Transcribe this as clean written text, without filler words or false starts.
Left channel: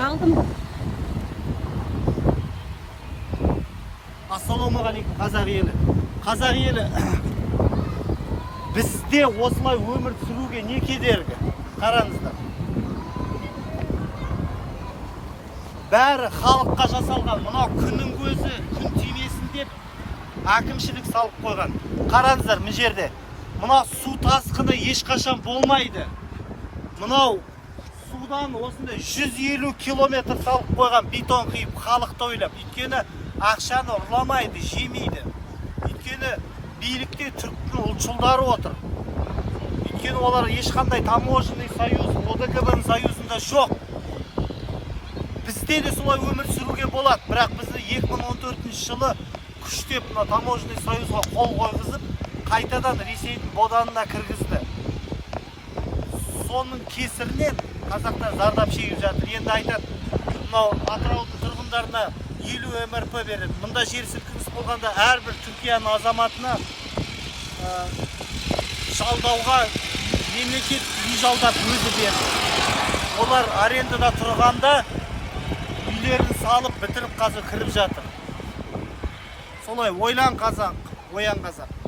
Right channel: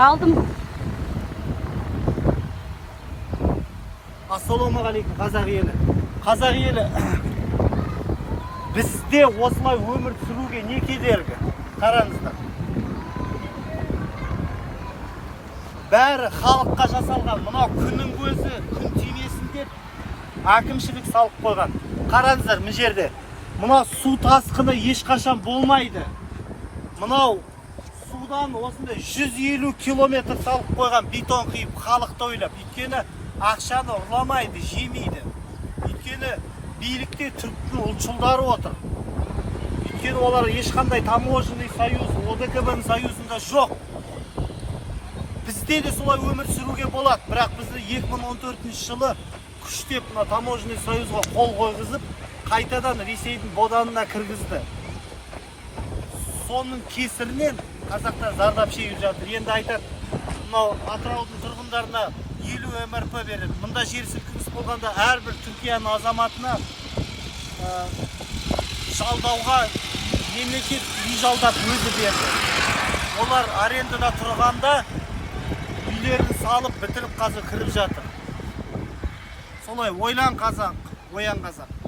Алдым. Ассалаумағалейкум қазақ елі. Қазақ елі, бізде осылай өмір сүруге не кедергі? Қараңыздар. Бәрі халыққа жасалған, мына күннің көзі, күн тимесін деп әкімшілік салып қойған. Қараңыздар, мына жерде. Мына су тасқыны ешқашан болмайды. Мынау судан осындай 150 километр салып қойған бетон қиып халықты ойлап. Өйткені ақшаны ұрламайды, жемейді. Өйткені билікте түріктің ұлтшылдары отыр. Өйткені олар ешқандай таможенный союз, ОДКБ союзында жоқ. Бізде де солай өмір сүруге болады, бірақ бізді 2014 жылы күштеп мына таможенный союзға қол қойғызып, қайтадан Ресейдің боданына кіргізді. Соның кесірінен қазақтар зардап шегіп жатыр. Енді айтады, мынау Атыраудың тұрғындарына 50 МРП береді. Мұнда жер сілкініс болғанда әрбір Түркияның азаматына жалдауға мемлекет үй жалдап өзі берді. Олар арендада тұрғанда үйлерін салып бітіріп қазір кіріп жатыр. Солай ойлан қазақ, оян қазақ.